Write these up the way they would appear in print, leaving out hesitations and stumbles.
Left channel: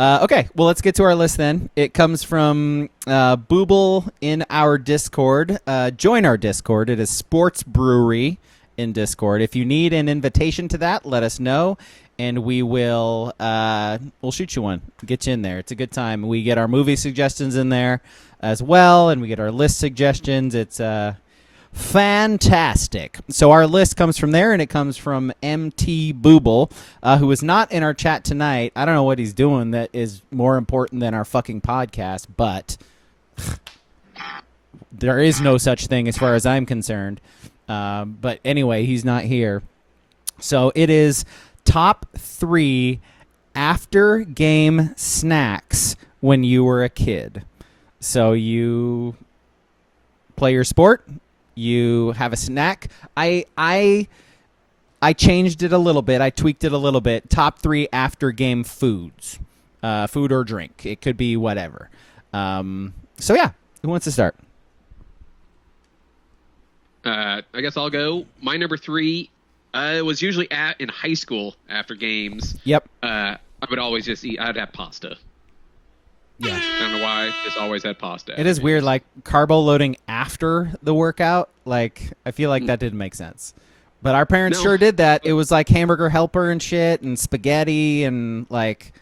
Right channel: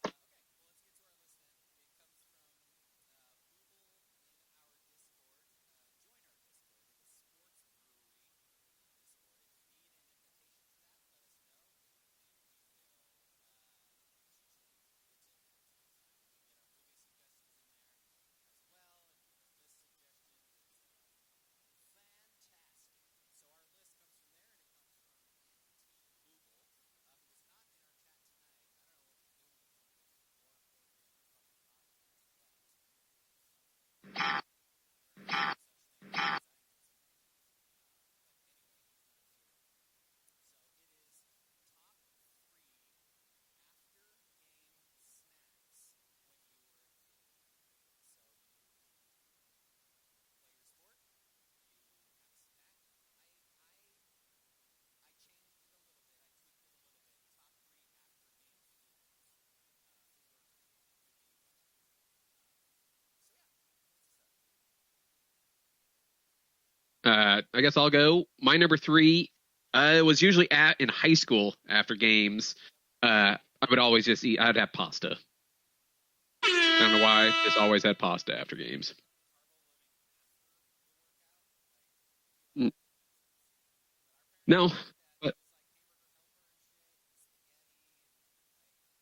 Okay, well, let's get to our list then. It comes from Booble in our Discord. Join our Discord. It is Sports Brewery in Discord. If you need an invitation to that, let us know, and we'll shoot you one. Get you in there. It's a good time. We get our movie suggestions in there as well, and we get our list suggestions. It's fantastic. So our list comes from there, and it comes from MT Booble, who is not in our chat tonight. I don't know what he's doing that is more important than our fucking podcast, but there is no such thing as far as I'm concerned. But anyway, he's not here. So it is top 3 after-game snacks when you were a kid. So you play your sport, you have a snack. I changed it a little bit. I tweaked it a little bit. Top 3 after game foods, food or drink. It could be whatever. So yeah, who wants to start? I guess I'll go. My number 3 was usually in high school after games. Yep. I would always just eat. I'd have pasta. Yeah. I don't know why. Just always had pasta. It is weird, like carbo loading after the workout. Like I feel like that didn't make sense. But our parents sure did that. It was like hamburger helper and shit and spaghetti and like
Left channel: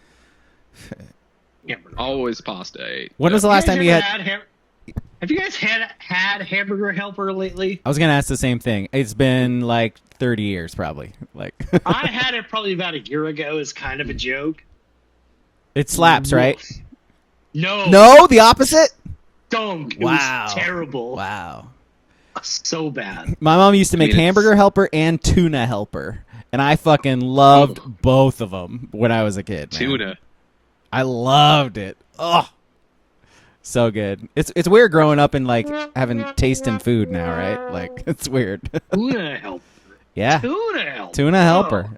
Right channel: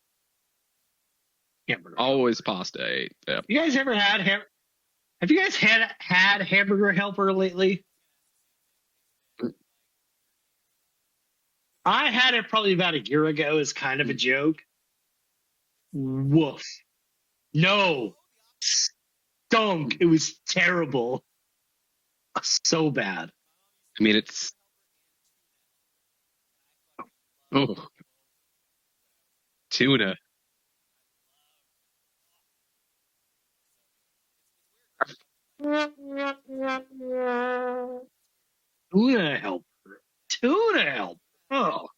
always pasta. When was the last time you had have you guys had hamburger helper lately? I was gonna ask the same thing. It's been like 30 years probably. Like I had it probably about a year ago as kind of a joke. It slaps, right? No, the opposite. Dunk. It was terrible. Wow, so bad. My mom used to make hamburger helper and tuna helper, and I fucking loved both of them when I was a kid. Man. Tuna, I loved it. Oh, so good. It's weird growing up and like having taste in food now, right? Like it's weird. Tuna helper. Yeah. Tuna helper.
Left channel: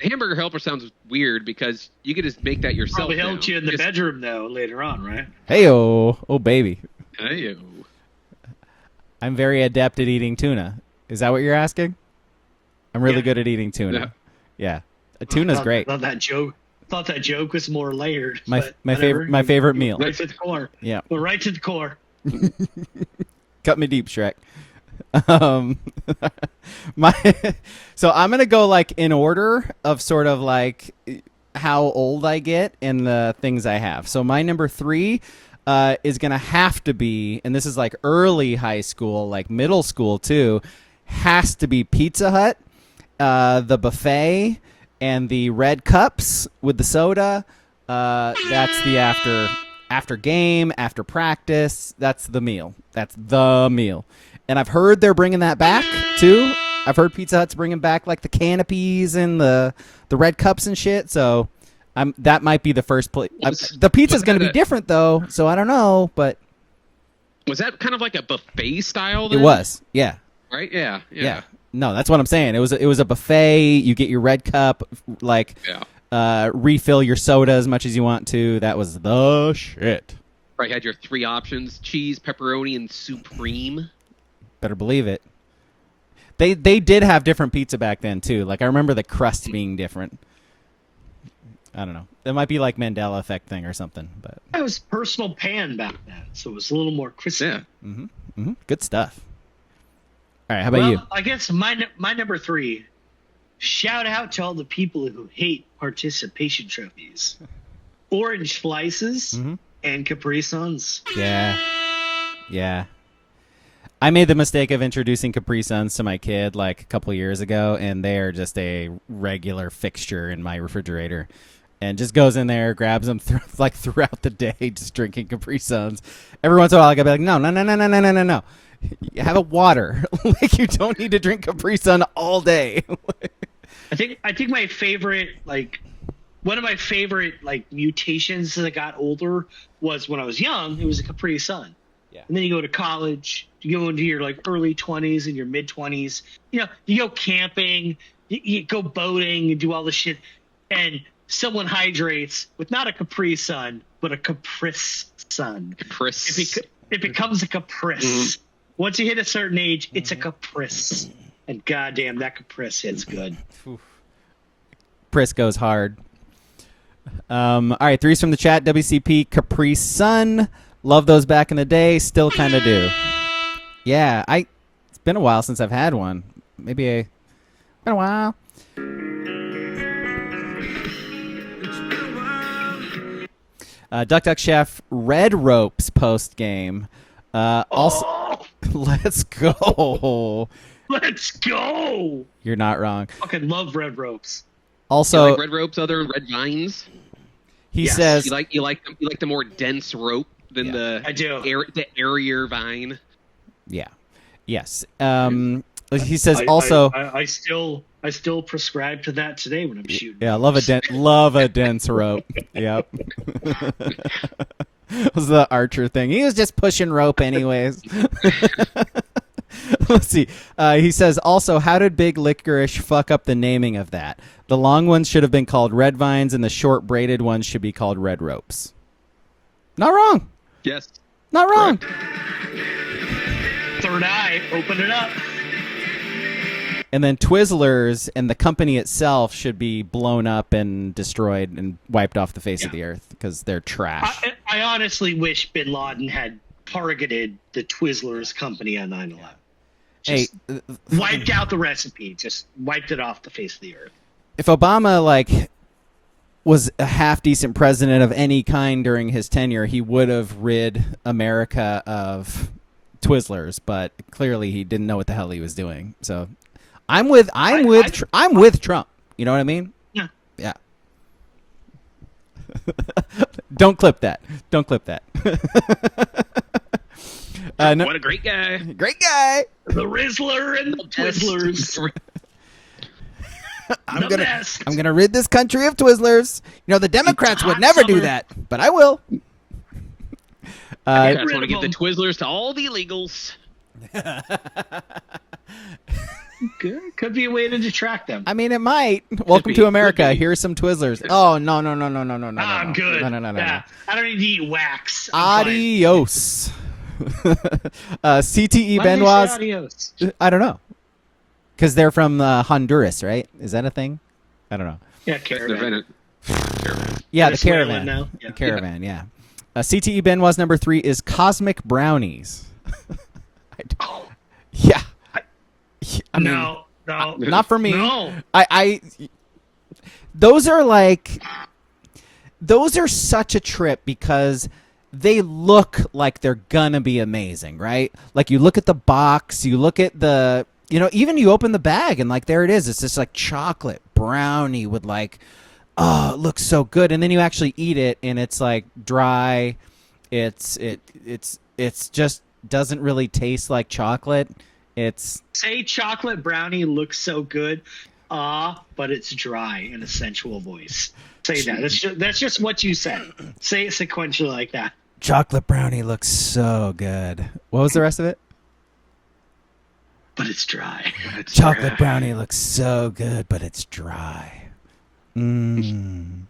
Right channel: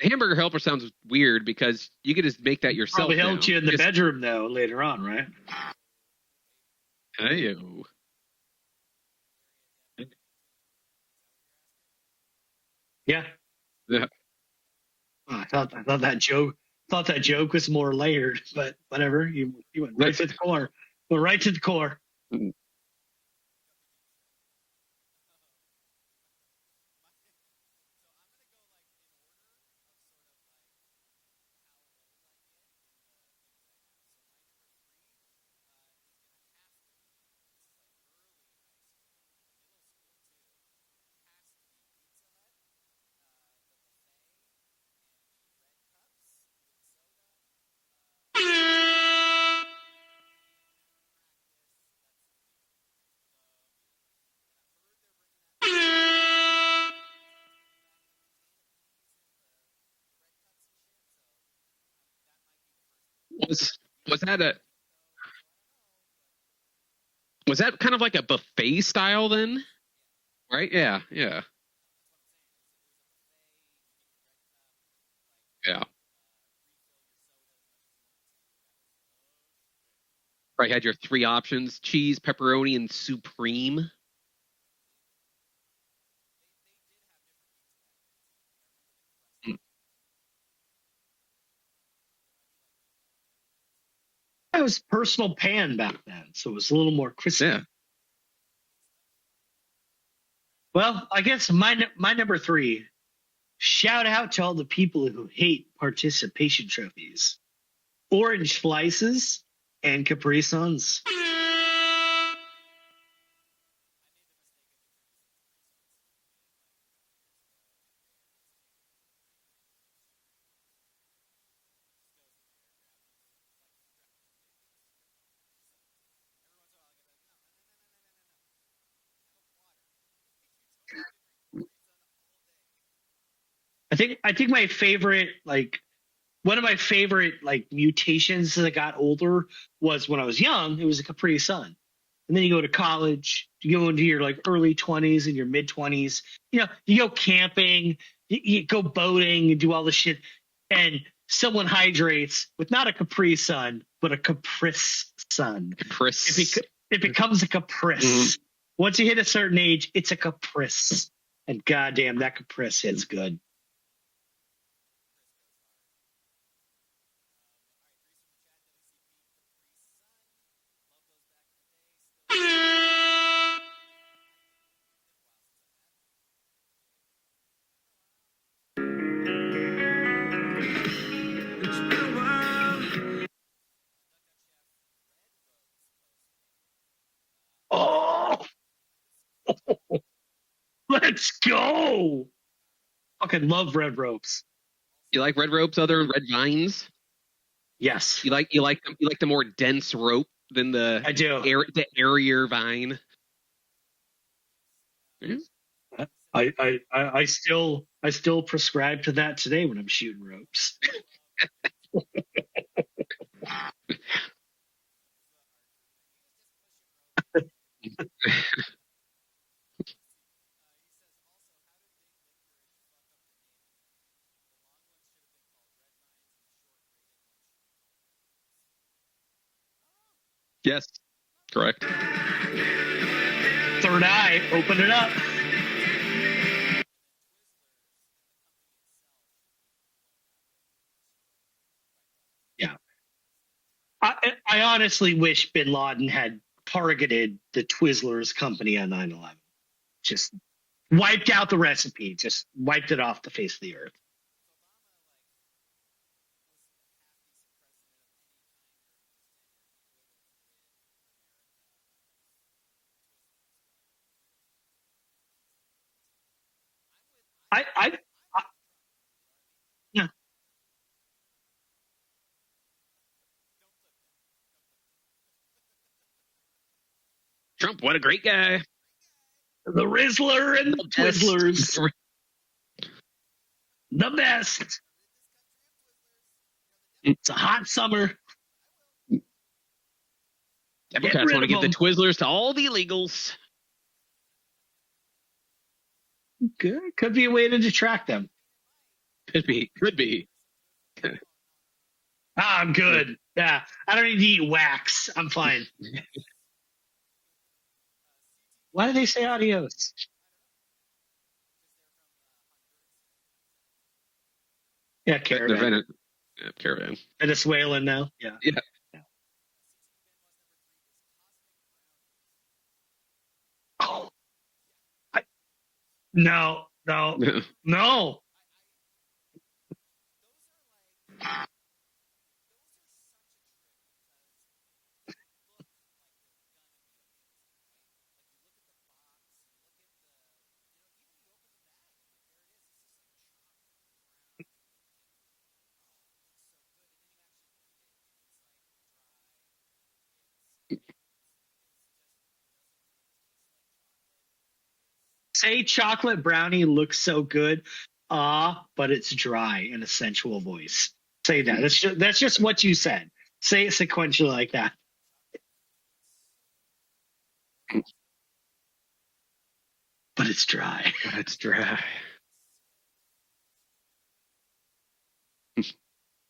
Hamburger helper sounds weird because you could just make that yourself. Probably helped you in the bedroom though later on, right? Hey-o. Oh baby. Hey-o. I'm very adept at eating tuna. Is that what you're asking? I'm really good at eating tuna. Yeah. Tuna's great. Thought that joke was more layered. My favorite meal. Right to the core. Yeah. Well, right to the core. Cut me deep, Shrek. So I'm gonna go like in order of sort of like how old I get and the things I have. So my number 3 is gonna have to be, and this is like early high school, like middle school too, has to be Pizza Hut, the buffet and the red cups with the soda. That's the after game, after practice. That's the meal. And I've heard they're bringing that back, too. I've heard Pizza Hut's bringing back, like, the canopies and the red cups and shit. So that might be the first place. The pizza's going to be different, though, so I don't know. But was that kind of like a buffet style then? It was, yeah. Right? Yeah. No, that's what I'm saying. It was a buffet. You get your red cup, like, refill your soda as much as you want to. That was the shit. Right, you had your 3 options, cheese, pepperoni, and supreme. Better believe it. They did have different pizza back then too. Like I remember the crust being different. I don't know. It might be like Mandela effect thing or something. But it was personal pan back then, so it was a little more crispy. Yeah. Good stuff. All right, how about you? Well, I guess my number 3. Shout out to all the people who hate participation trophies. Orange slices and Capri Suns. Yeah. I made the mistake of introducing Capri Suns to my kid like a couple years ago, and they are just a regular fixture in my refrigerator. And just goes in there, grabs them throughout the day, just drinking Capri Suns. Every once in a while, I gotta be like, no. You have a water. Like you don't need to drink Capri Sun all day. I think my favorite, like one of my favorite like mutations as I got older was when I was young. It was a Capri Sun. And then you go to college, you go into your like early 20s and your mid 20s, you go camping, you go boating and do all this shit. And someone hydrates with not a Capri Sun, but a Caprice Sun. Caprice. It becomes a Caprice. Once you hit a certain age, it's a Caprice. And goddamn, that Caprice hits good. Caprice goes hard. All right, threes from the chat. WCP Capri Sun. Love those back in the day. Still kind of do. Yeah, it's been a while since I've had one. Been a while. Duck Duck Chef Red Ropes post game. Also, let's go. Let's go. You're not wrong. Fucking love Red Ropes. Also, You like red ropes other than red vines? he Yes. says You like the more dense rope than I do. the airier vine. Yeah. Yes. He says I still prescribe to that today when I'm shooting. Yeah, love a dense rope. Yep. It was the Archer thing. He was just pushing rope anyways. Let's see. He says also, how did Big Licorice fuck up the naming of that? The long ones should have been called red vines and the short braided ones should be called red ropes. Not wrong. Yes. Not wrong. Correct. Third eye, open it up. And then Twizzlers and the company itself should be blown up and destroyed and wiped off the face of the earth because they're trash. I honestly wish Bin Laden had targeted the Twizzlers company on 9/11. Just wiped out the recipe. Just wiped it off the face of the earth. If Obama was a half decent president of any kind during his tenure, he would have rid America of Twizzlers, but clearly he didn't know what the hell he was doing. So I'm with Trump. You know what I mean? Yeah. Yeah. Don't clip that. What a great guy. Great guy. The Rizzler and the Twizzlers. The best. I'm gonna rid this country of Twizzlers. You know, the Democrats would never do that, but I will. I just want to give the Twizzlers to all the illegals. Good. Could be a way to detract them. I mean, it might. Welcome to America. Could be. Here's some Twizzlers. Oh, no. I'm good. No. Yeah. I don't need to eat wax. I'm fine. Adios. CTE Why do they say Benoit's. adios? I don't know. Because they're from Honduras, right? Is that a thing? I don't know. Yeah, caravan. Caravan. Yeah, the Venezuelan caravan. now. Yeah. The caravan, yeah. CTE Benoit's number 3 is Cosmic Brownies. Yeah. I mean, No. not for me. No. Those are such a trip because they look like they're gonna be amazing, right? Like you look at the box, you look at even you open the bag and there it is. It's this chocolate brownie with it looks so good. And then you actually eat it and it's dry. It's just doesn't really taste like chocolate. Say chocolate brownie looks so good, but it's dry in a sensual voice. Say that. That's just what you said. Say it sequentially like that. Chocolate brownie looks so good. What was the rest of it? But it's dry. Chocolate brownie looks so good, but it's dry. Boing?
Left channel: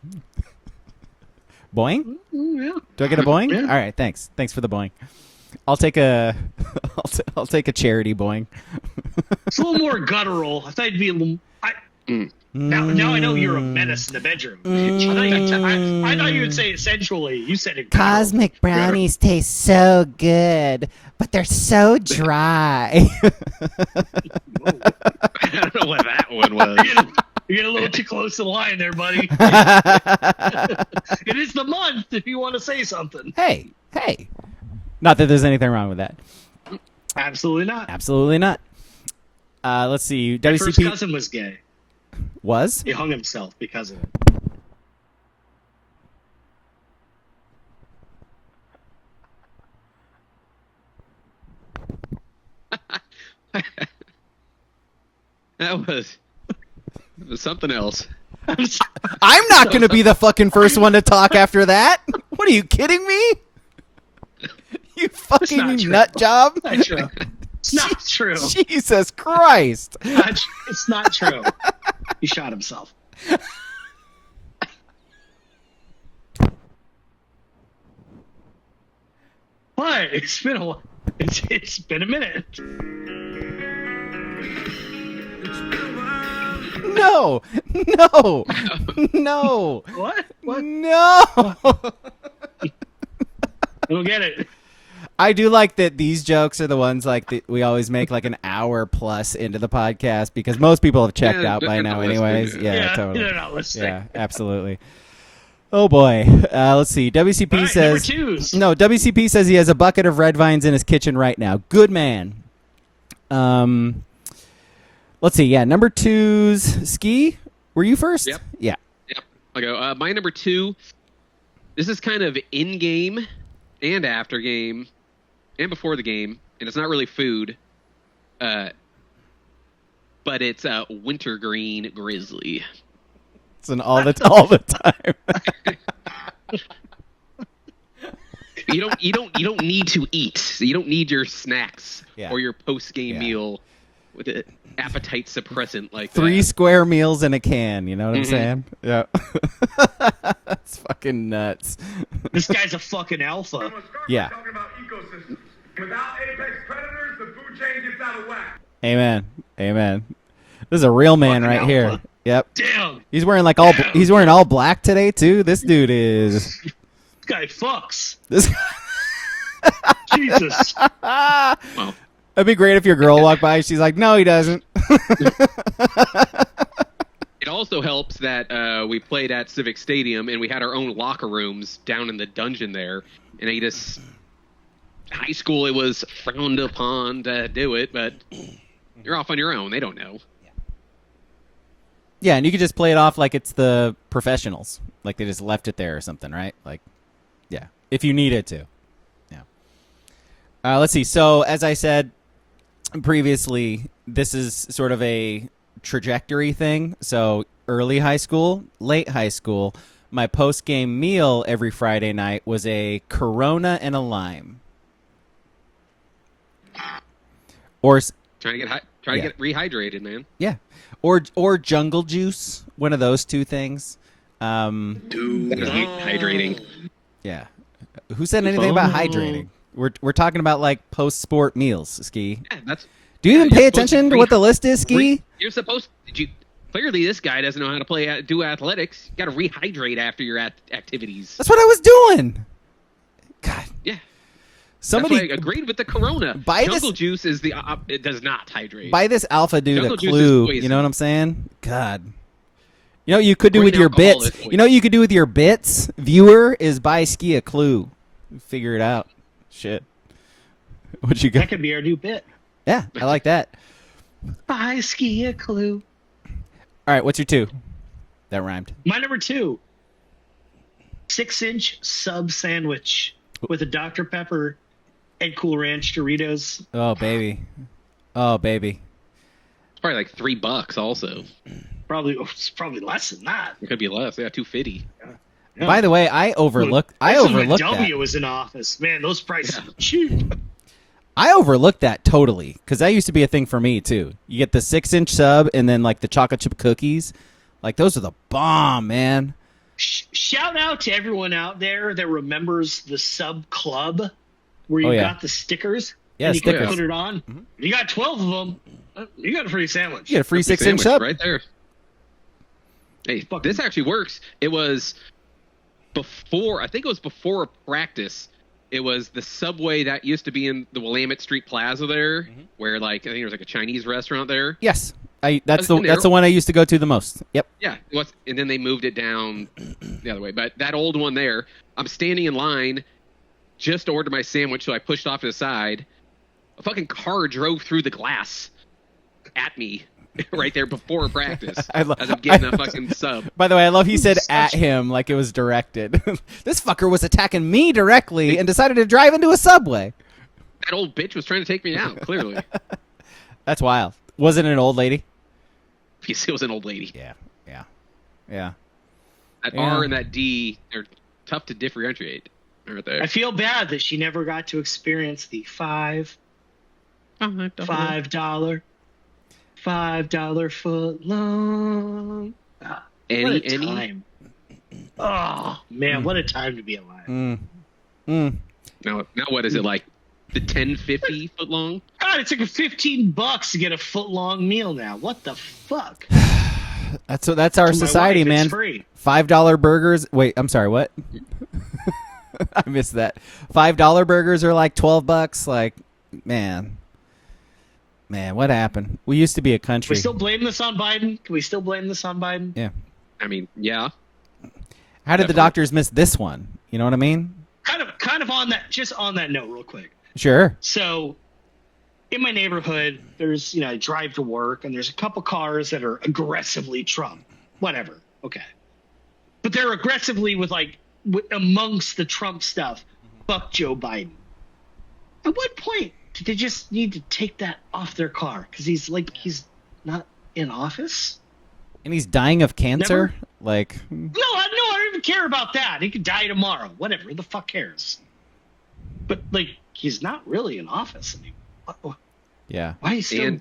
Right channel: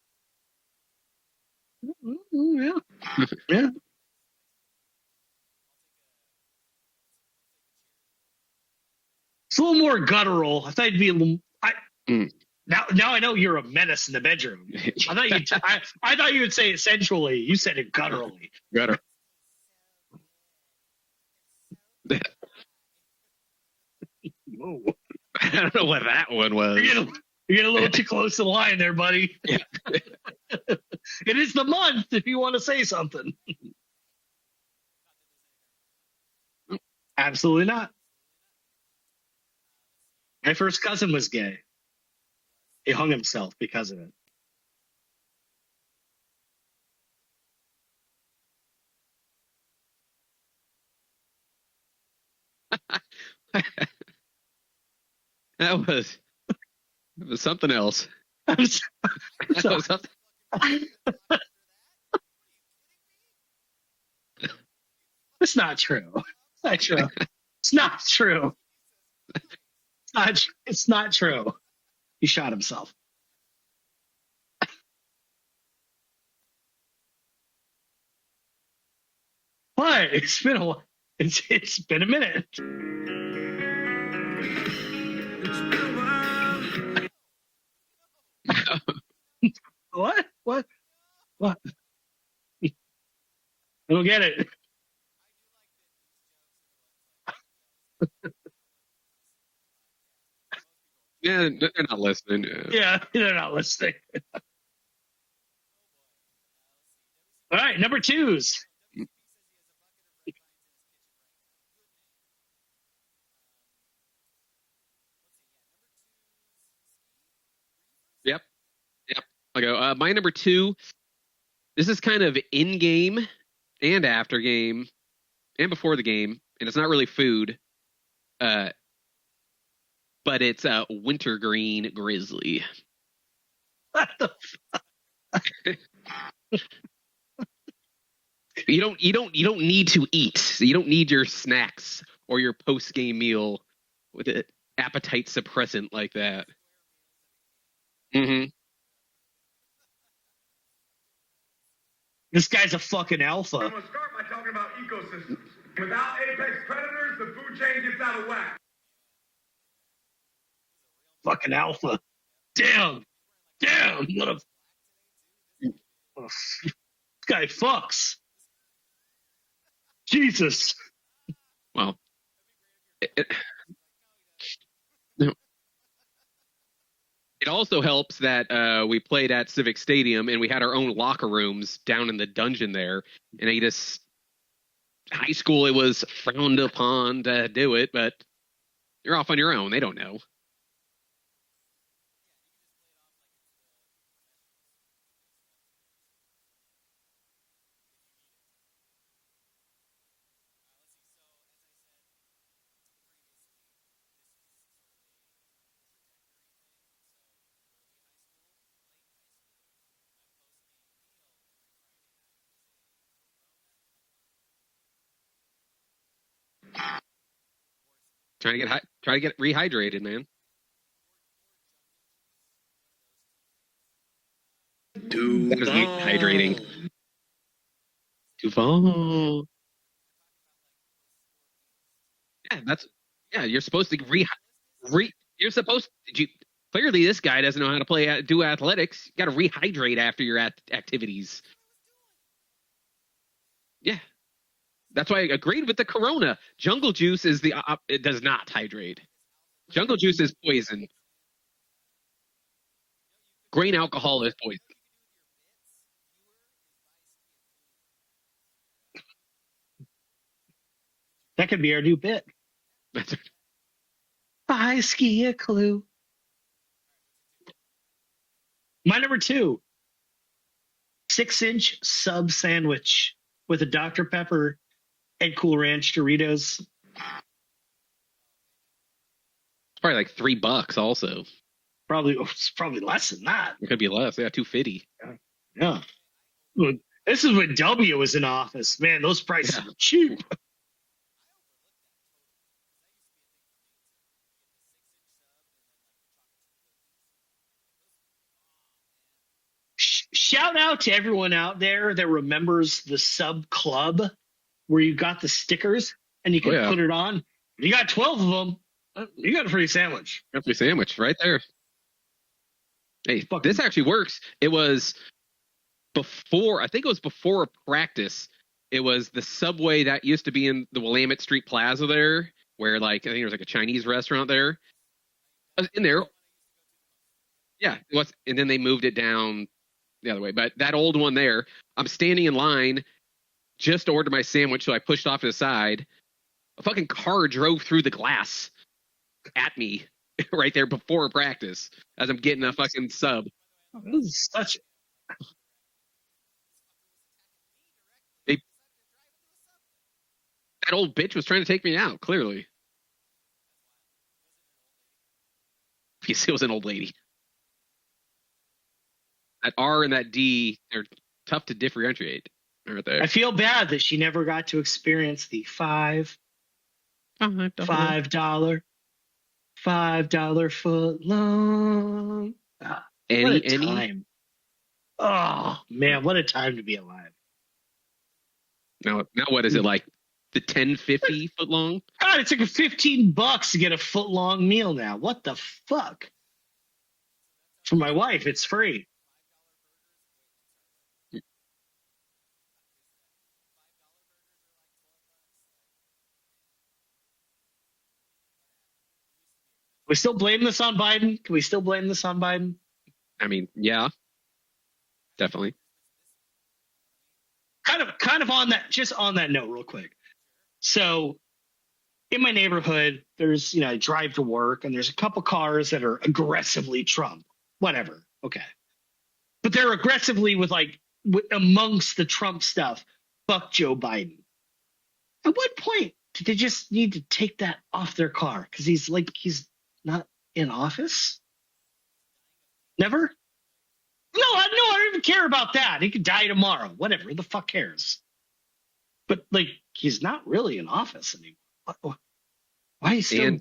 Yeah. Do I get a boing? Yeah. All right, thanks. Thanks for the boing. I'll take a charity boing. It's a little more guttural. I thought it'd be a little. Now I know you're a menace in the bedroom. I thought you would say it sensually. You said it guttural. Cosmic brownies taste so good, but they're so dry. I don't know what that one was. You get a little too close to the line there, buddy. It is the month if you want to say something. Hey. Not that there's anything wrong with that. Absolutely not. Absolutely not. Let's see. My first cousin was gay. Was? He hung himself because of it. It was something else. I'm not going to be the fucking first one to talk after that. What are you kidding me? You fucking nut job. It's not true. It's not true. Jesus Christ. It's not true. He shot himself. What? It's been a while. It's been a minute. No. No. What? No. I don't get it. I do like that these jokes are the ones like that we always make like an hour plus into the podcast because most people have checked out by now anyways. Yeah, Totally. they're not listening. Yeah, absolutely. Oh boy. Let's see. WCP All right, says number twos. No, WCP says he has a bucket of red vines in his kitchen right now. Good man. Let's see. Yeah, number twos. Ski, were you first? Yep. Yeah. Yep. I'll go. My number two, this is kind of in-game and after game and before the game, and it's not really food, but it's wintergreen grizzly. It's an all the time. You don't need to eat. You don't need your snacks or your post-game meal with an appetite suppressant like 3 that. square meals in a can, you know what I'm saying? Yeah. That's fucking nuts. This guy's a fucking alpha. Yeah. Talking about ecosystems. Without apex predators, the food chain gets out of whack. Amen. This is a real man Fucking right here. alpha. Yep. Damn. He's wearing like all black today too. This dude is This guy fucks. this Jesus. Well, It'd be great if your girl walked by. She's like, no, he doesn't. it also helps that we played at Civic Stadium and we had our own locker rooms down in the dungeon there. And high school, it was frowned upon to do it, but you're off on your own. They don't know. Yeah, and you could just play it off like it's the professionals. Like they just left it there or something, right? Like, yeah, if you needed to. Yeah. Let's see. So, as I said previously, this is sort of a trajectory thing. So, early high school, late high school, my post-game meal every Friday night was a Corona and a lime. Or Trying to get rehydrated, man. yeah. Or jungle juice, one of those two things. Dude, that is hydrating. Yeah. Who said anything about hydrating? We're talking about like post-sport meals, Ski. Yeah, that's. Do you even you're pay supposed to attention to what the list is, Ski? You're supposed. Clearly, this guy doesn't know how to do athletics. You got to rehydrate after your activities. That's what I was doing. God. Yeah. Somebody That's why I agreed with the Corona. Buy Jungle this- juice is it does not hydrate. Buy this alpha dude Jungle a juice is clue. poison. You know what I'm saying? God. You know what you could do Green with your alcohol bits? is poison. You know what you could do with your bits, viewer, is buy Ski a clue. Figure it out. Shit. What you got? That could be our new bit. Yeah, I like that. Buy Ski a clue. All right, what's your 2? That rhymed. My number 2. 6-inch sub sandwich with a Dr. Pepper and Cool Ranch Doritos. Oh, baby. Oh, baby. It's probably like $3 also. It's probably less than that. It could be less. Yeah, $2.50. Yeah. By the way, I overlooked This is when that. W was in office. Man, those prices are cheap. I overlooked that totally because that used to be a thing for me too. You get the 6-inch sub and then like the chocolate chip cookies, like those are the bomb, man. Shout out to everyone out there that remembers the sub club where you got the stickers and you stickers. can put it on. You got 12 of them. You got a free sandwich. You get a free Free 6-inch sandwich sub. right there. Hey, this actually works. It was before, I think it was before practice. It was the Subway that used to be in the Willamette Street Plaza there, where like I think there was like a Chinese restaurant there. Yes, that's in there. the one I used to go to the most. Yep. Yeah, it was, and then they moved it down the other way. But that old one there, I'm standing in line just to order my sandwich, so I pushed off to the side. A fucking car drove through the glass at me right there before practice as I'm getting a fucking sub. By the way, I love he said at him like it was directed. This fucker was attacking me directly and decided to drive into a Subway. That old bitch was trying to take me out, clearly. That's wild. Was it an old lady? It was an old lady. Yeah. That R and that D, they're tough to differentiate right there. I feel bad that she never got to experience the $5 foot long. What a time. Oh, man, what a time to be alive. Now what is it like? The 10-50 foot long? God, it's like $15 to get a foot long meal now. What the fuck? That's our For my society, wife, man. It's free. $5 burgers. Wait, I'm sorry. What? I missed that. $5 burgers are like $12. Like, man, what happened? We used to be a country. We still blame this on Biden? Can we still blame this on Biden? Yeah. I mean, yeah. How did the Definitely. doctors miss this one? You know what I mean? Kind of on that. Just on that note, real quick. Sure. So, in my neighborhood, there's I drive to work, and there's a couple cars that are aggressively Trump. Whatever. Okay. But they're aggressively amongst the Trump stuff. Fuck Joe Biden. At what point did they just need to take that off their car? Because he's not in office? And he's dying of cancer? Never? Like, No, I don't even care about that. He could die tomorrow. Whatever. Who the fuck cares? But, he's not really in office anymore. yeah. Why is he still...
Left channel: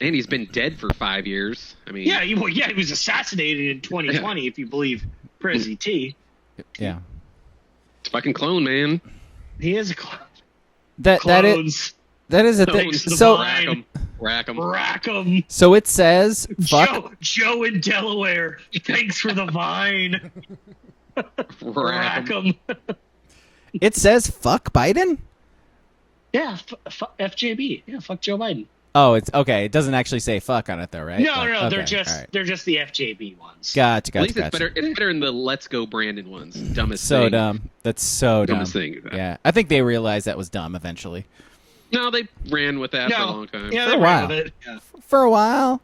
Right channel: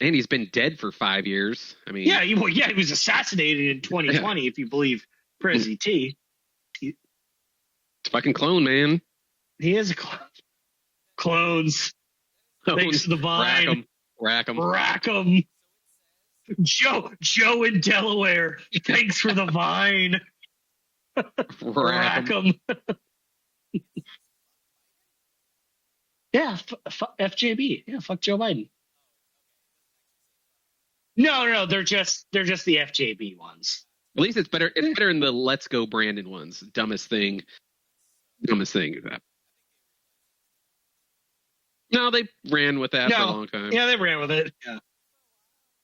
And he's been dead for 5 years. I mean, he was assassinated in 2020, if you believe Prezi T. Yeah. it's fucking clone, man. He is a clone. Clones. That is a thing. Thanks to the So, vine. Rack 'em. Rack 'em. so it says, fuck, Joe in Delaware. Thanks for the vine. Rack 'em. it says fuck Biden? Yeah, FJB. Yeah, fuck Joe Biden. Oh, it's okay. It doesn't actually say fuck on it though, right? No, Like, they're okay, just all right. they're just the FJB ones. Gotcha. At least it's better. It's better than the Let's Go Brandon ones. Dumbest So thing. dumb. That's so dumb. Dumbest thing. Yeah, I think they realized that was dumb eventually. No, they ran with that for a long time. Yeah, they For a ran while. with it. Yeah. For a while.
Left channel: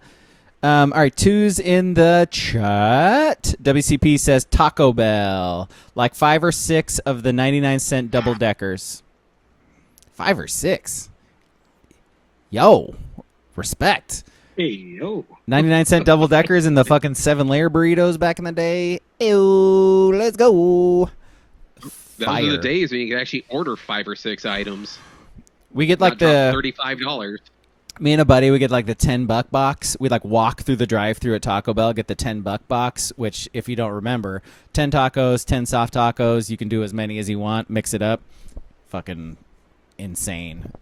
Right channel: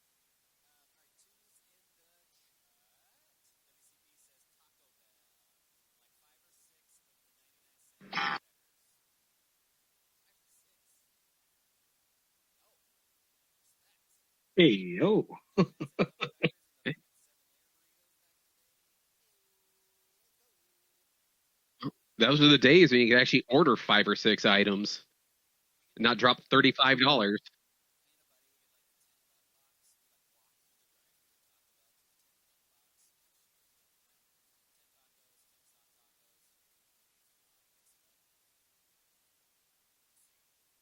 All right, two's in the chat. WCP says Taco Bell, like 5 or 6 of the 99-cent double deckers. 5 or 6. Yo, respect. Hey, yo. 99-cent double deckers and the fucking 7-layer burritos back in the day. Ew, let's go. Those are Fire. the days when you could actually order 5 or 6 items. We get Not like drop the $35. me and a buddy, we get like the $10 box. We like walk through the drive-through at Taco Bell, get the $10 box, which if you don't remember, 10 tacos, 10 soft tacos, you can do as many as you want, mix it up. Fucking insane.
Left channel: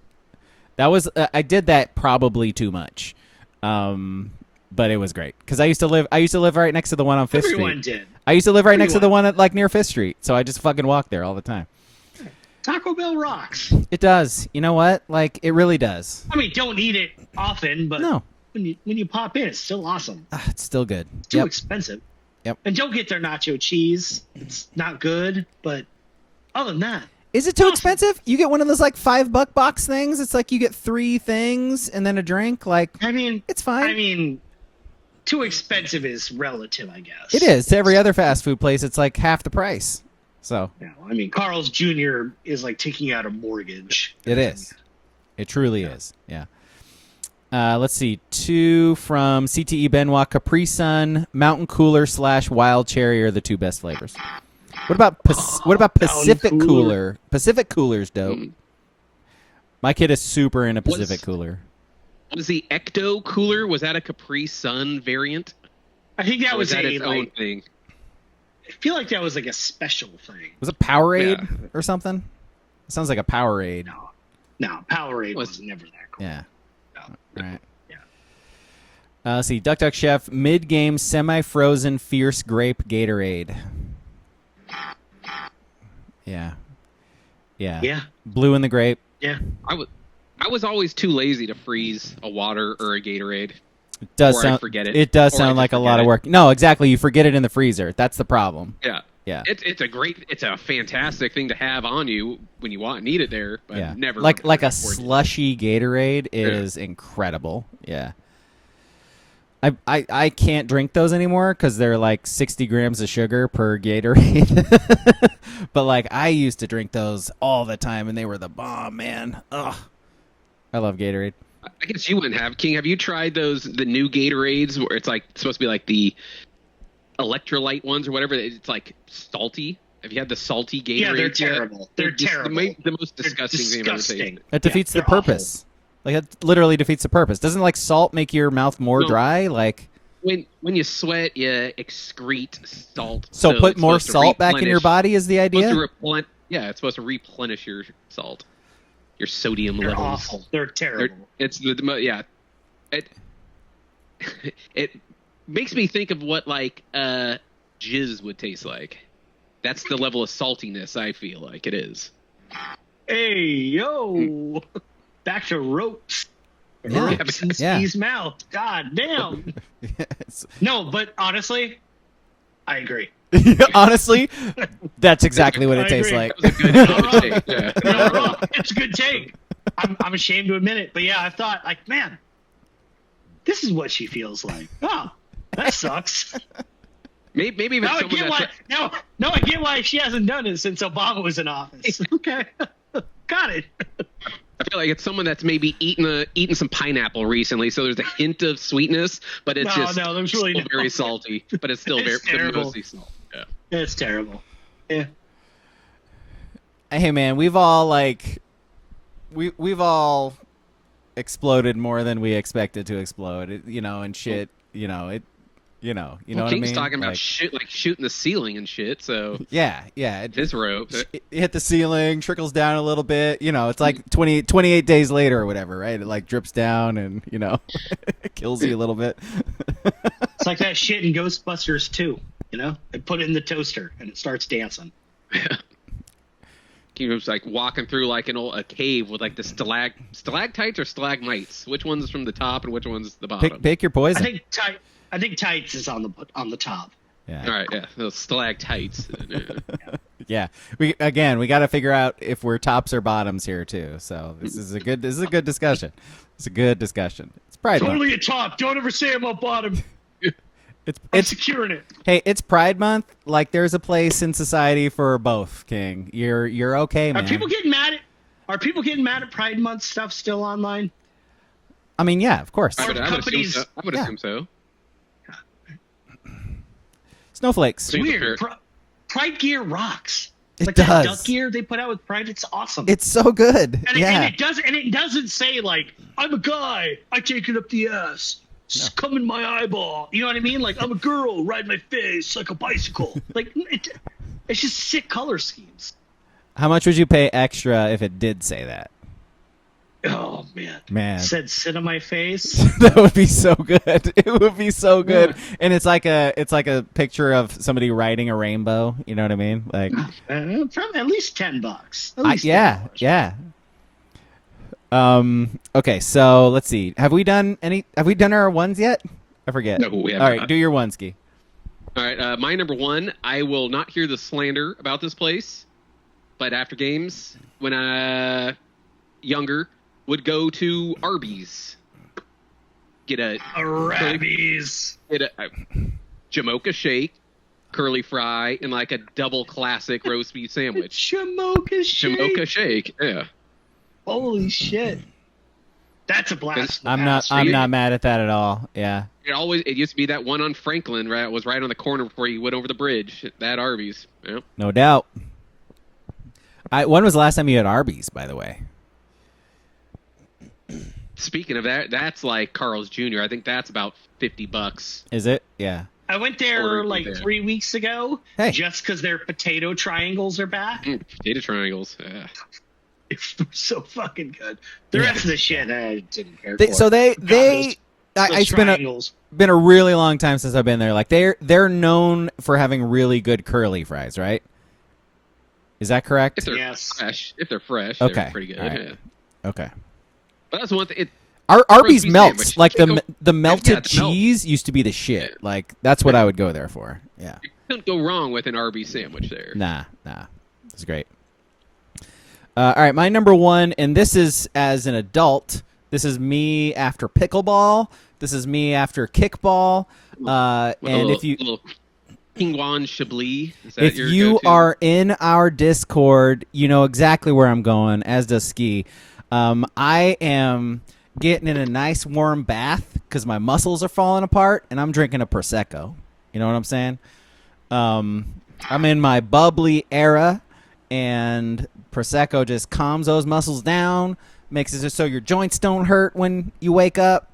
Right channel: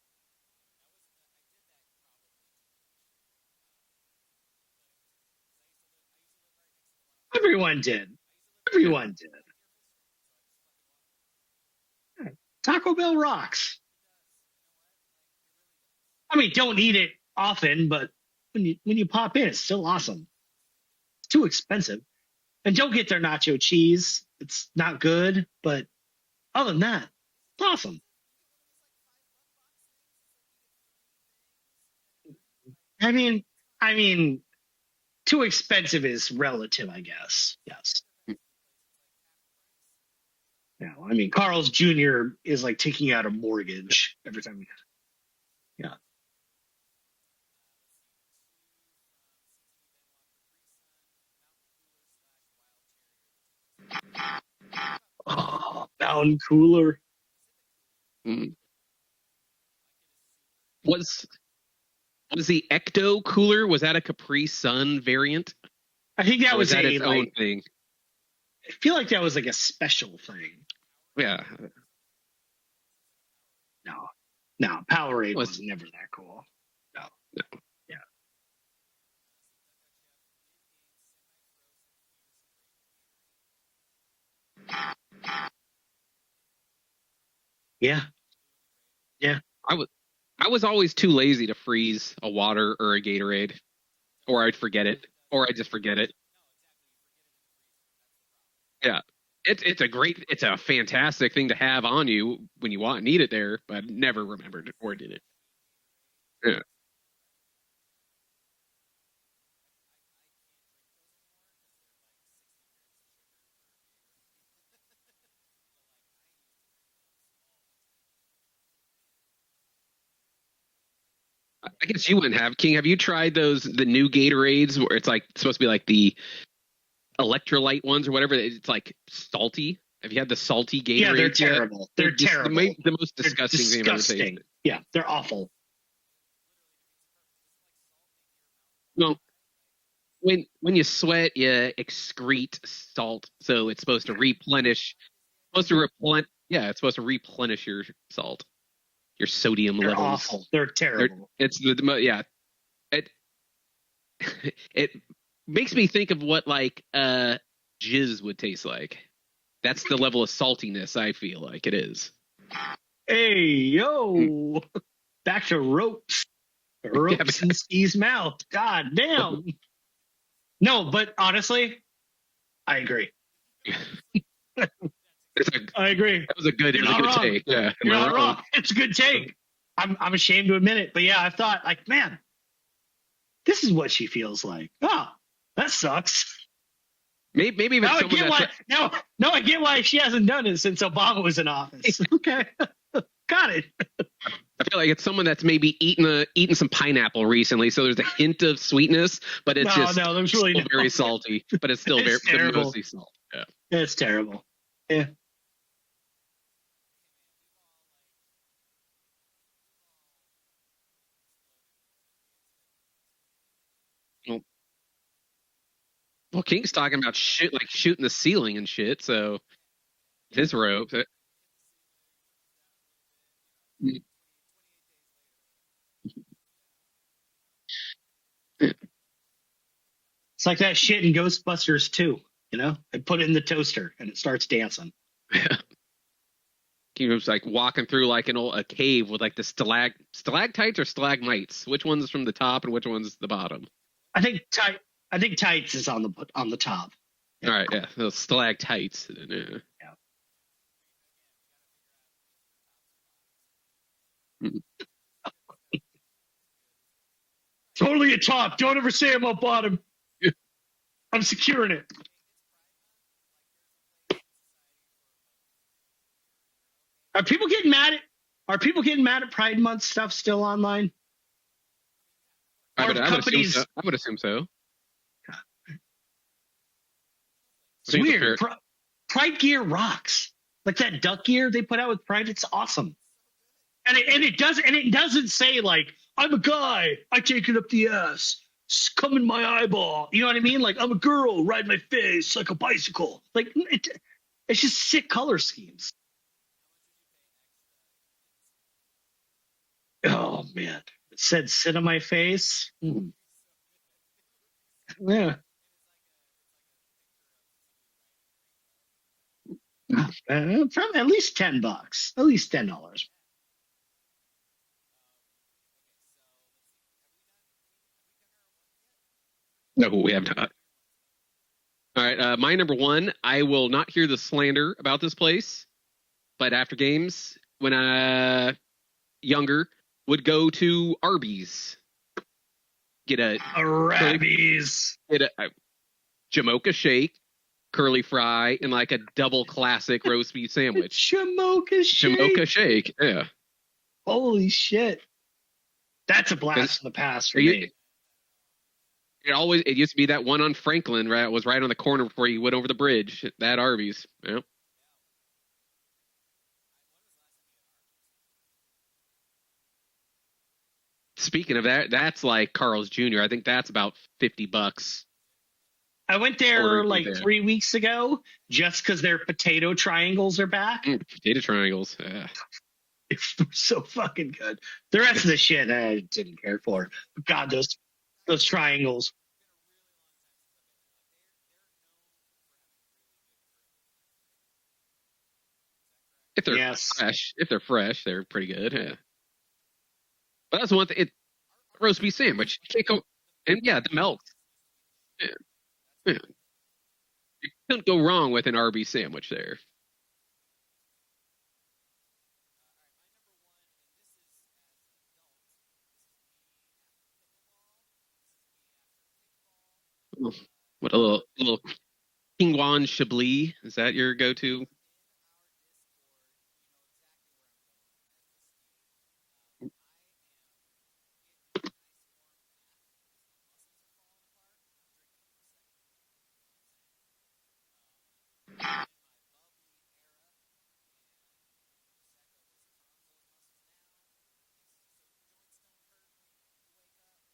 That was I did that probably too much. But it was great cuz I used to live right next to the one on 5th Street. Everyone did. I used to live right next to the Everyone. one at like near 5th Street. So I just fucking walked there all the time. Taco Bell rocks. It does. You know what? Like it really does. I mean, don't eat it often, but No. when you pop in, it's still awesome. It's still good. It's too Yep. expensive. Yep. And don't get their nacho cheese. It's not good, but other than that, Is it too Awesome. expensive? You get one of those like $5 box things. It's like you get 3 things and then a drink. Like I mean, it's fine. too expensive is relative, I guess. It is to every other fast food place. It's like half the price. So Yeah, Carl's Jr. is like taking out a mortgage. it is. It truly is. Yeah. Let's see. 2 from CTE Benoit, Capri Sun, Mountain Cooler / Wild Cherry are the 2 best flavors. What about Pacific Mountain Cooler. Cooler? Pacific Cooler's dope. My kid is super into Pacific Cooler. Was the Ecto Cooler, was that a Capri Sun variant? I think that Or was was that a its own thing? I feel like that was like a special thing. Was it Powerade Yeah. or something? It sounds like a Powerade. No, Powerade was never that cool. Yeah. No. Right. Yeah. Let's see. Duck Duck Chef, mid-game semi-frozen fierce grape Gatorade. Yeah. Yeah. Yeah. Blue in the grape. Yeah. I was always too lazy to freeze a water or a Gatorade. It does Or I sound, forget it. It does Or I sound just like a forget lot of it. work. No, exactly. You forget it in the freezer. That's the problem. Yeah. Yeah. It's a fantastic thing to have on you when you want need it there, but Yeah. never like a remembered before it did. slushy Gatorade is incredible. Yeah. I can't drink those anymore because they're like 60 grams of sugar per Gatorade. But like I used to drink those all the time and they were the bomb, man. Ugh. I love Gatorade. I guess you wouldn't have. King, have you tried the new Gatorades where it's like supposed to be like the electrolyte ones or whatever? It's like salty. Have you had the salty Gatorade? Yeah, they're yet? terrible. They're just terrible. The most They're disgusting thing I've ever disgusting. tasted. It defeats the they're awful. purpose. Like it literally defeats the purpose. Doesn't like salt make your mouth more No. dry? Like When you sweat, you excrete salt. so put it's more supposed to salt back in your replenish- body is the idea. Supposed to it's supposed to replenish your salt, your sodium They're levels. awful. They're terrible. It's the yeah. It makes me think of what like jizz would taste like. That's the level of saltiness I feel like it is. Hey, yo. Back to ropes. Ropes in Steve's mouth. God damn. Yes. No, but honestly, I agree. Honestly, that's exactly what it I tastes agree. like. That was a good take. Yeah. You're not wrong. It's a good take. I'm ashamed to admit it, but yeah, I thought like, man, this is what she feels like. Oh, that sucks. Maybe even Now I someone get that's why. Now I get why she hasn't done it since Obama was in office. Okay, got it. I feel like it's someone that's maybe eaten some pineapple recently, so there's a hint of sweetness, but it's there's really still very salty. But it's still very mostly salt. Yeah. It's terrible. Yeah. Hey man, we've all we've all exploded more than we expected to explode. And shit. Well, King's what I mean? talking about Like, shit, like shooting the ceiling and shit. So yeah. his rope. It hit the ceiling, trickles down a little bit. It's like 28 days later or whatever, right? It like drips down and it kills you a little bit. It's like that shit in Ghostbusters 2. They put it in the toaster and it starts dancing. He was like walking through like a cave with like the stalactites or stalagmites. Which one's from the top and which one's the bottom? Pick your poison. I think tights is on the top. Yeah. All right, yeah, those stalactites. Yeah. We got to figure out if we're tops or bottoms here too. So this is a good discussion. It's a good discussion. It's Pride Month. Totally a top. Don't ever say I'm a bottom. I'm securing it. Hey, it's Pride Month. Like there's a place in society for both, King. You're okay, man. Are people getting mad at Pride Month stuff still online? I mean, yeah, of course. I would assume so. Snowflakes. So Weird. Pride gear rocks. It Like does. that duck gear they put out with Pride, it's awesome. It's so good. And yeah. it doesn't say like, I'm a guy, I take it up the ass. Come in my eyeball. You know what I mean? Like, I'm a girl, ride my face like a bicycle. Like, it's just sick color schemes. How much would you pay extra if it did say that? Oh man. Said sit on my face. That would be so good. It would be so good. Yeah. And it's like a picture of somebody riding a rainbow. You know what I mean? Like probably at least $10. At least $10. Yeah. Okay, so let's see. Have we done our ones yet? I forget. No, we haven't. All right, do your one, Ski. All right, my number one. I will not hear the slander about this place, but after games, when younger, would go to Arby's. Get a Arby's. Get a Jamocha shake, curly fry, and like a double classic roast beef sandwich. Jamocha shake. Yeah. Holy shit. That's a blast. I'm not mad at that at all. Yeah. It used to be that one on Franklin, right? It was right on the corner before you went over the bridge. That Arby's. Yeah. No doubt. When was the last time you had Arby's, by the way? Speaking of that, that's like Carl's Jr. I think that's about $50. Is it? Yeah. I went there 3 weeks ago just because their potato triangles are back. Potato triangles. Yeah. It's so fucking good. The rest of the shit I didn't care for. So they those triangles. Been a really long time since I've been there. Like they're known for having really good curly fries, right? Is that correct? If they're fresh, okay. They're pretty good. Right. Yeah. Okay. But that's one thing. Arby's melts. Sandwich. Like the melted cheese used to be the shit. Yeah. Like that's what I would go there for. Yeah. You couldn't go wrong with an Arby's sandwich there. Nah. It's great. All right, my number one, and this is as an adult. This is me after pickleball. This is me after kickball. If you Pingwan Chablis, is that your go-to? If you are in our Discord, you know exactly where I'm going, as does Ski. I am getting in a nice warm bath because my muscles are falling apart, and I'm drinking a Prosecco. You know what I'm saying? I'm in my bubbly era, and Prosecco just calms those muscles down, makes it so your joints don't hurt when you wake up.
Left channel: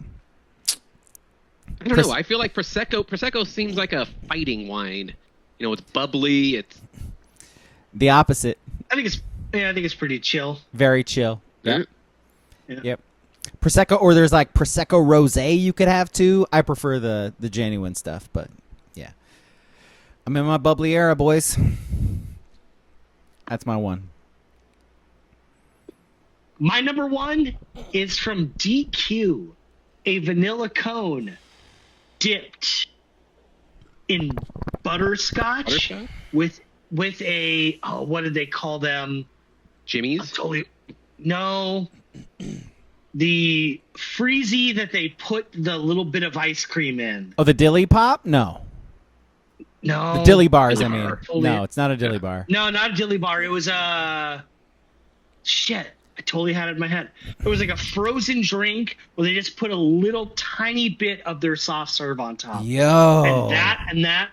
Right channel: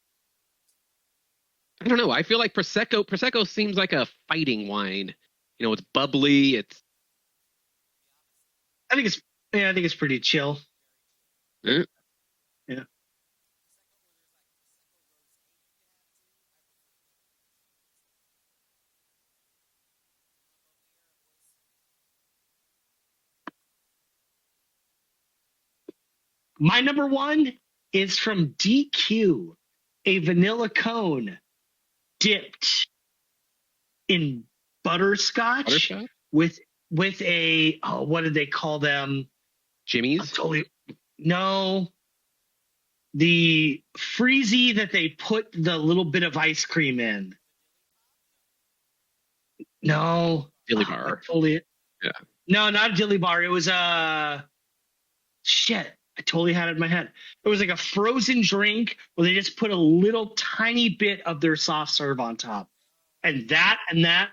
I don't know. I feel like Prosecco seems like a fighting wine. You know, it's bubbly. It's the opposite. I think it's pretty chill. Very chill. Yeah. Yep. Prosecco, or there's like Prosecco Rosé you could have too. I prefer the genuine stuff, but yeah. I'm in my bubbly era, boys. That's my one. My number one is from DQ, a vanilla cone dipped in butterscotch, with a what did they call them? Jimmy's? No. The freezy that they put the little bit of ice cream in. Oh, the Dilly Pop? No. No. The Dilly Bars, Dilly I mean. bar. No, it's not a Dilly Bar. No, not a Dilly Bar. It was shit. I totally had it in my head. It was like a frozen drink where they just put a little tiny bit of their soft serve on top. Yo. And that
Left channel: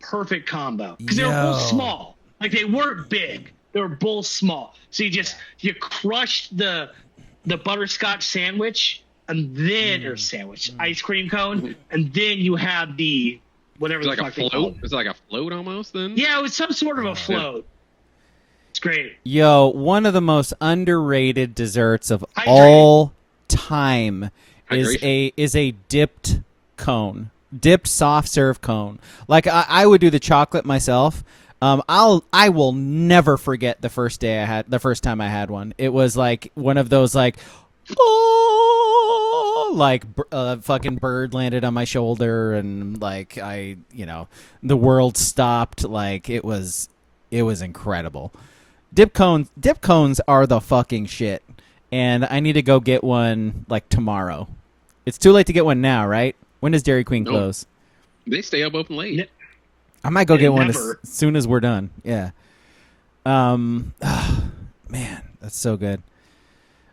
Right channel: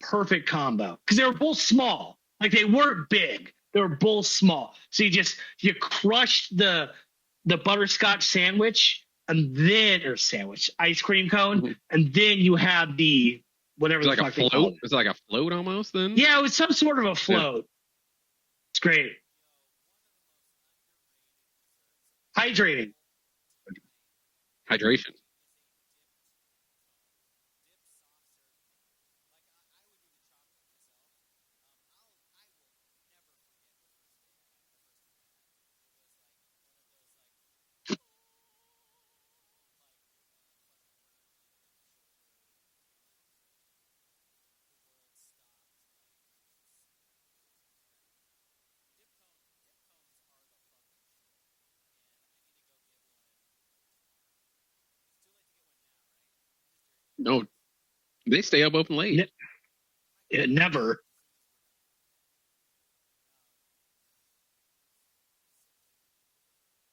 perfect combo. Because they were both small. Like, they weren't big. They were both small. So you crushed the butterscotch sandwich and then ice cream cone, and then you have the whatever the fuck they call it. Was it like a float almost then? Yeah, it was some sort of a float. It's great. Yo, one of the most underrated desserts of Hydrate. all time is a dipped cone, dipped soft serve cone. Like I would do the chocolate myself. I will never forget the first time I had one. It was like one of those like, fucking bird landed on my shoulder and like the world stopped. Like it was incredible. Dip cones are the fucking shit, and I need to go get one like tomorrow. It's too late to get one now, right? When does Dairy Queen close? They stay up open late. I might go get one as soon as we're done. Yeah. Man, that's so good.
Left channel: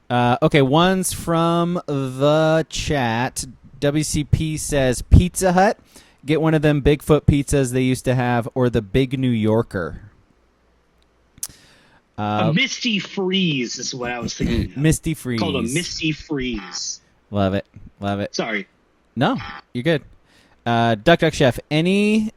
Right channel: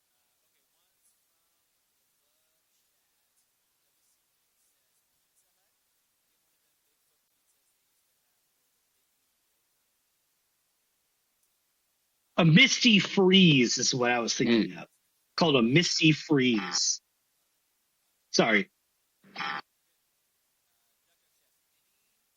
Okay, one's from the chat. WCP says Pizza Hut. Get one of them Bigfoot pizzas they used to have, or the Big New Yorker. A Misty Freeze is what I was thinking of. Misty Freeze. Called a Misty Freeze. Love it. Sorry. No, you're good. Duck Chef, any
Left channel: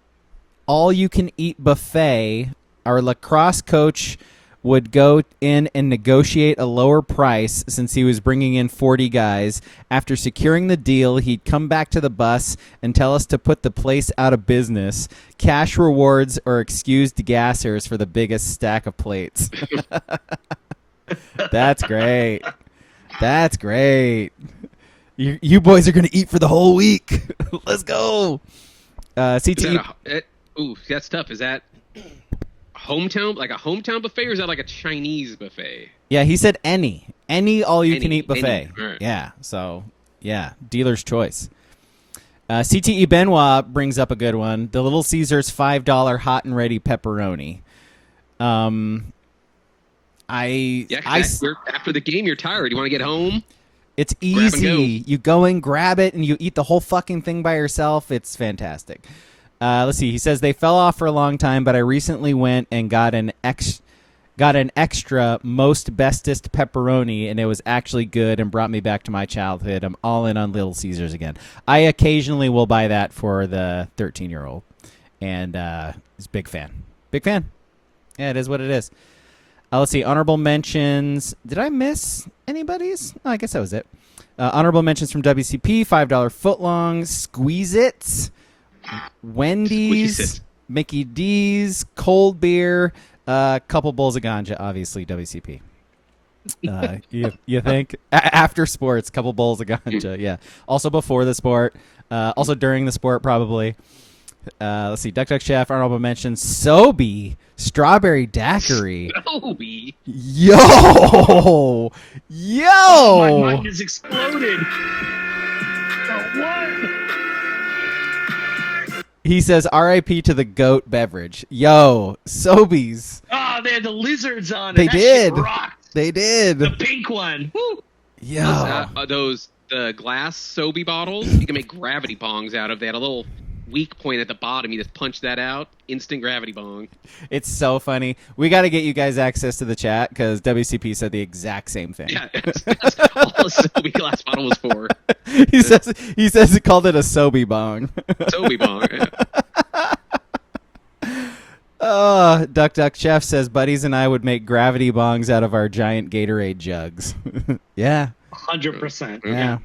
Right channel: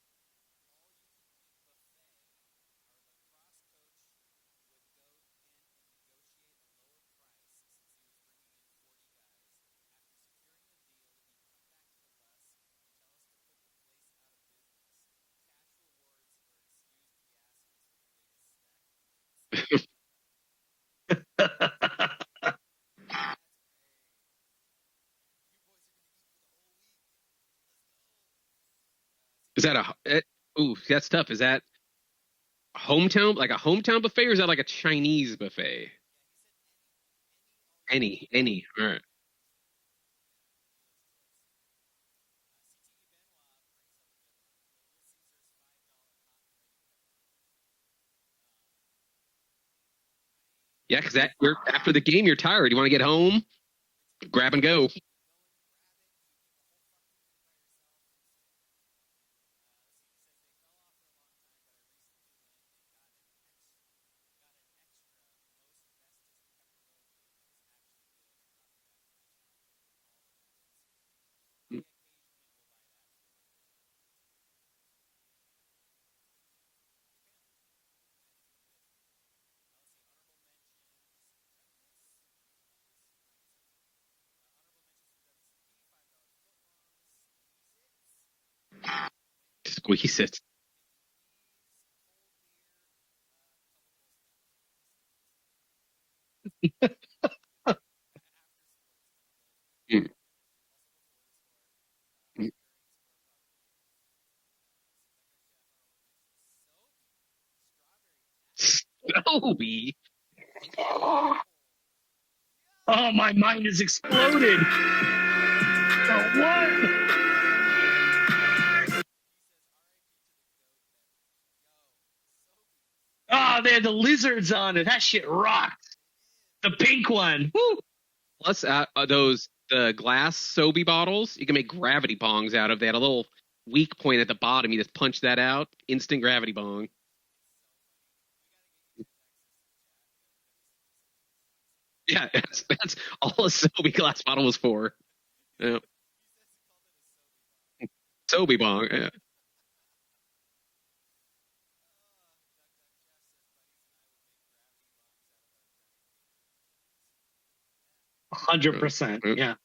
all-you-can-eat buffet, our lacrosse coach would go in and negotiate a lower price since he was bringing in 40 guys. After securing the deal, he'd come back to the bus and tell us to put the place out of business. Cash rewards or excused gassers for the biggest stack of plates. That's great. That's great. You boys are going to eat for the whole week. Let's go. CT. Ooh, that's tough. Is that hometown, like a hometown buffet, or is that like a Chinese buffet? Yeah, he said any all-you-can-eat buffet. Right. Yeah, so, yeah, dealer's choice. CTE Benoit brings up a good one. The Little Caesars $5 hot and ready pepperoni. After the game, you're tired. You want to get home? It's easy. Grab and go. You go and grab it, and you eat the whole fucking thing by yourself. It's fantastic. Let's see. He says they fell off for a long time, but I recently went and got an extra most bestest pepperoni, and it was actually good and brought me back to my childhood. I'm all in on Little Caesars again. I occasionally will buy that for the 13-year-old, and he's a big fan. Big fan. Yeah, it is what it is. Let's see. Honorable mentions. Did I miss anybody's? Oh, I guess that was it. Honorable mentions from WCP, $5 footlong, Squeeze-Its, Wendy's, Mickey D's, cold beer, couple bowls of ganja, obviously WCP. You think? After sports, couple bowls of ganja, yeah. Also before the sport, also during the sport probably. Let's see, Duck Chef, honorable mentions, Sobe, strawberry daiquiri. Sobe? Yo! Oh, my mind has exploded. What? He says, RIP to the goat beverage. Yo, Sobeys. Oh, they had the lizards on it. They that did. Shit rocked. They did. The pink one. Woo. Yeah. The glass Sobe bottles, you can make gravity bongs out of. They had a little weak point at the bottom. You just punch that out. Instant gravity bong. It's so funny. We got to get you guys access to the chat because WCP said the exact same thing. Yeah, that's all a Sobe glass bottle was for. He says he called it a Sobe bong. Sobe bong. Duck Duck Chef says buddies and I would make gravity bongs out of our giant Gatorade jugs. Yeah. 100%. Yeah.